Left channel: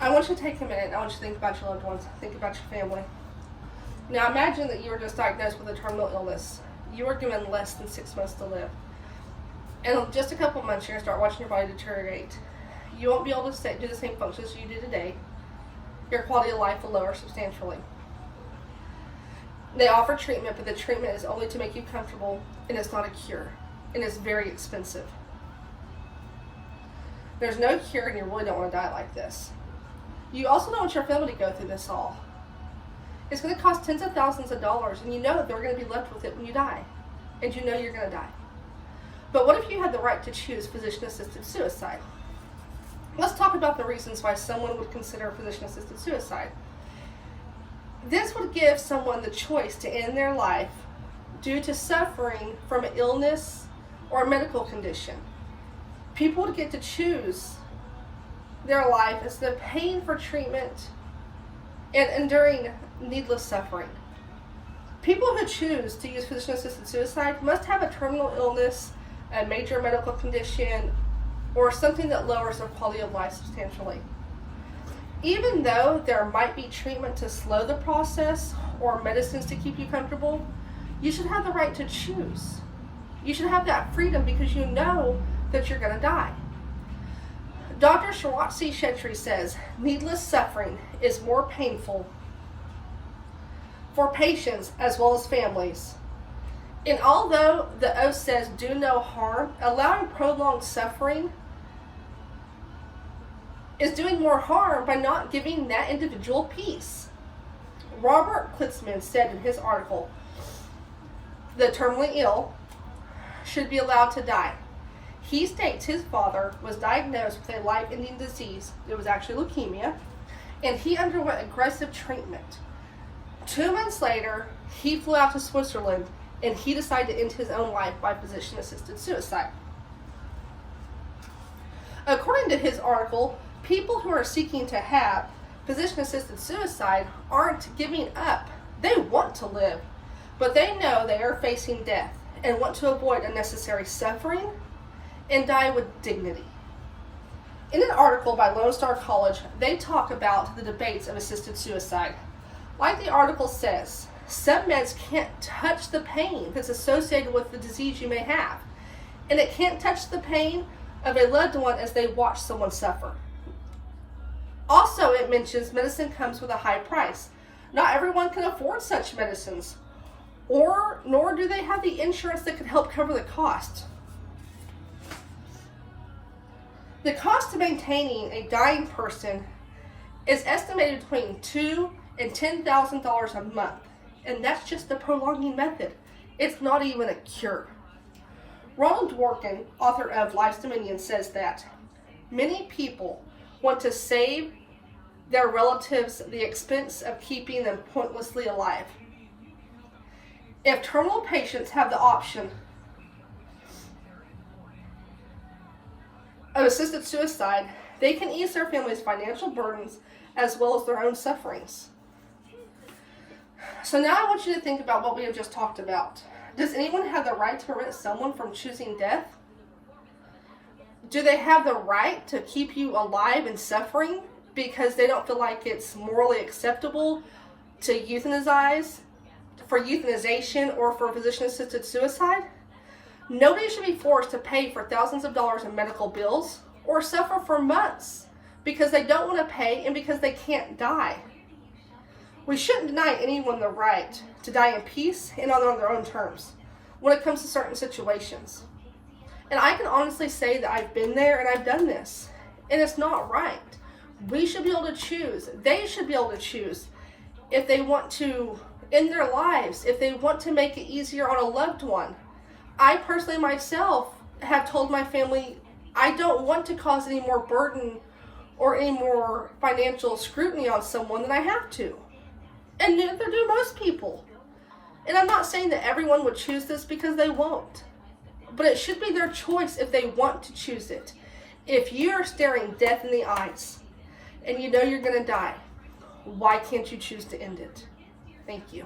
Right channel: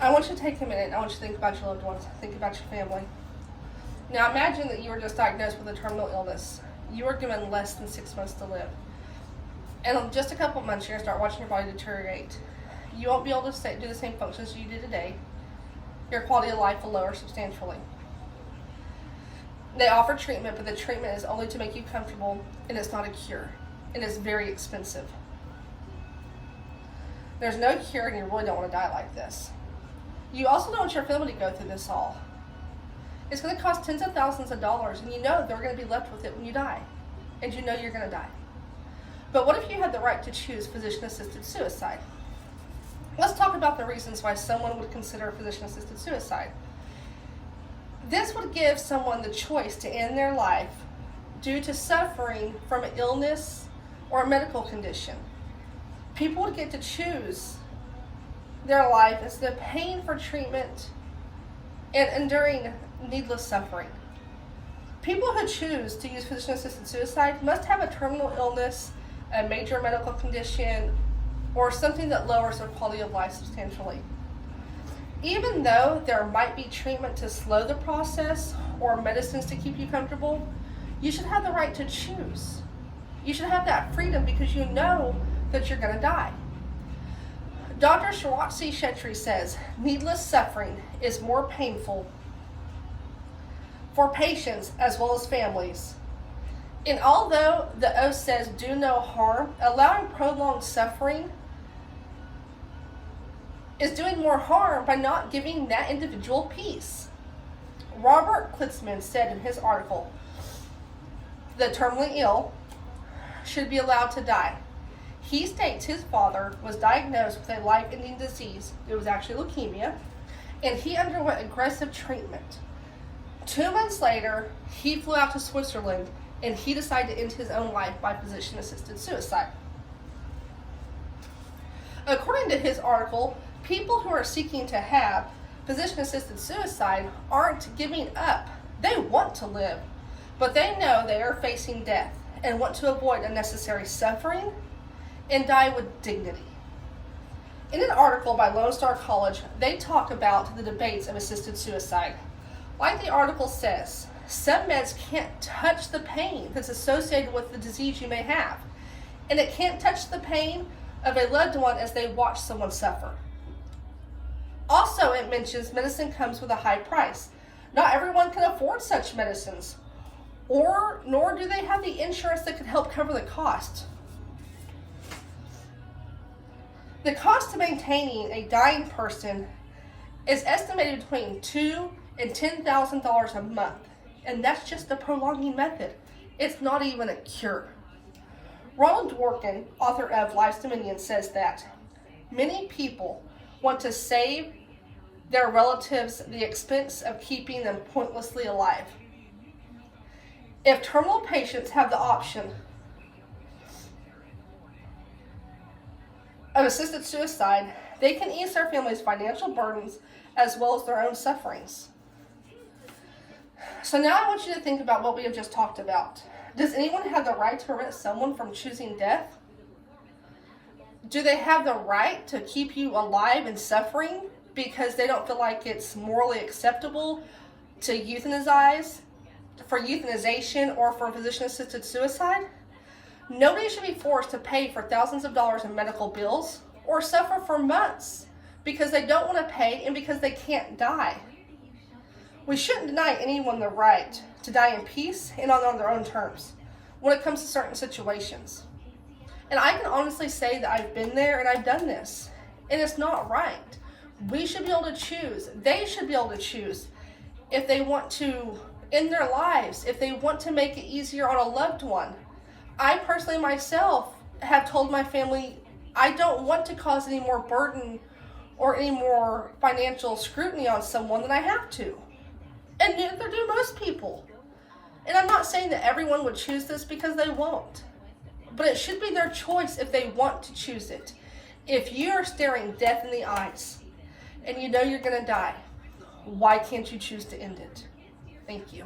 I want you to take a minute. I want you to think about your loved ones. Think about your family. Now imagine that you were just diagnosed with a terminal illness. You are given less than 6 months to live. And in just a couple months, you're going to start watching your body deteriorate. You won't be able to do the same functions you do today. Your quality of life will lower substantially. They offer treatment, but the treatment is only to make you comfortable, and it's not a cure. And it's very expensive. There's no cure, and you really don't want to die like this. You also don't want your family to go through this all. It's going to cost tens of thousands of dollars, and you know they're going to be left with it when you die. And you know you're going to die. But what if you had the right to choose physician-assisted suicide? Let's talk about the reasons why someone would consider physician-assisted suicide. This would give someone the choice to end their life due to suffering from an illness or a medical condition. People would get to choose their life instead of paying for treatment and enduring needless suffering. People who choose to use physician-assisted suicide must have a terminal illness, a major medical condition, or something that lowers their quality of life substantially. Even though there might be treatment to slow the process or medicines to keep you comfortable, you should have the right to choose. You should have that freedom because you know that you're going to die. Dr. Shiratse Shetty says, needless suffering is more painful for patients as well as families. And although the oath says do no harm, allowing prolonged suffering is doing more harm by not giving that individual peace. Robert Klitzman said in his article, the terminally ill should be allowed to die. He states his father was diagnosed with a life-ending disease. It was actually leukemia, and he underwent aggressive treatment. 2 months later, he flew out to Switzerland, and he decided to end his own life by physician-assisted suicide. According to his article, people who are seeking to have physician-assisted suicide aren't giving up. They want to live, but they know they are facing death and want to avoid unnecessary suffering and die with dignity. In an article by Lone Star College, they talk about the debates of assisted suicide. Like the article says, some meds can't touch the pain that's associated with the disease you may have, and it can't touch the pain of a loved one as they watch someone suffer. Also, it mentions medicine comes with a high price. Not everyone can afford such medicines, nor do they have the insurance that could help cover the cost. The cost of maintaining a dying person is estimated between $2,000 and $10,000 a month, and that's just the prolonging method. It's not even a cure. Ronald Dworkin, author of Life's Dominion, says that many people want to save their relatives the expense of keeping them pointlessly alive. If terminal patients have the option of assisted suicide, they can ease their family's financial burdens as well as their own sufferings. So now I want you to think about what we have just talked about. Does anyone have the right to prevent someone from choosing death? Do they have the right to keep you alive and suffering because they don't feel like it's morally acceptable to euthanize, for euthanization, or for physician-assisted suicide? Nobody should be forced to pay for thousands of dollars in medical bills or suffer for months because they don't want to pay and because they can't die. We shouldn't deny anyone the right to die in peace and on their own terms when it comes to certain situations. And I can honestly say that I've been there and I've done this, and it's not right. We should be able to choose. They should be able to choose if they want to end their lives, if they want to make it easier on a loved one. I personally myself have told my family I don't want to cause any more burden or any more financial scrutiny on someone than I have to. And neither do most people. And I'm not saying that everyone would choose this because they won't. But it should be their choice if they want to choose it. If you're staring death in the eyes and you know you're going to die, why can't you choose to end it? Thank you.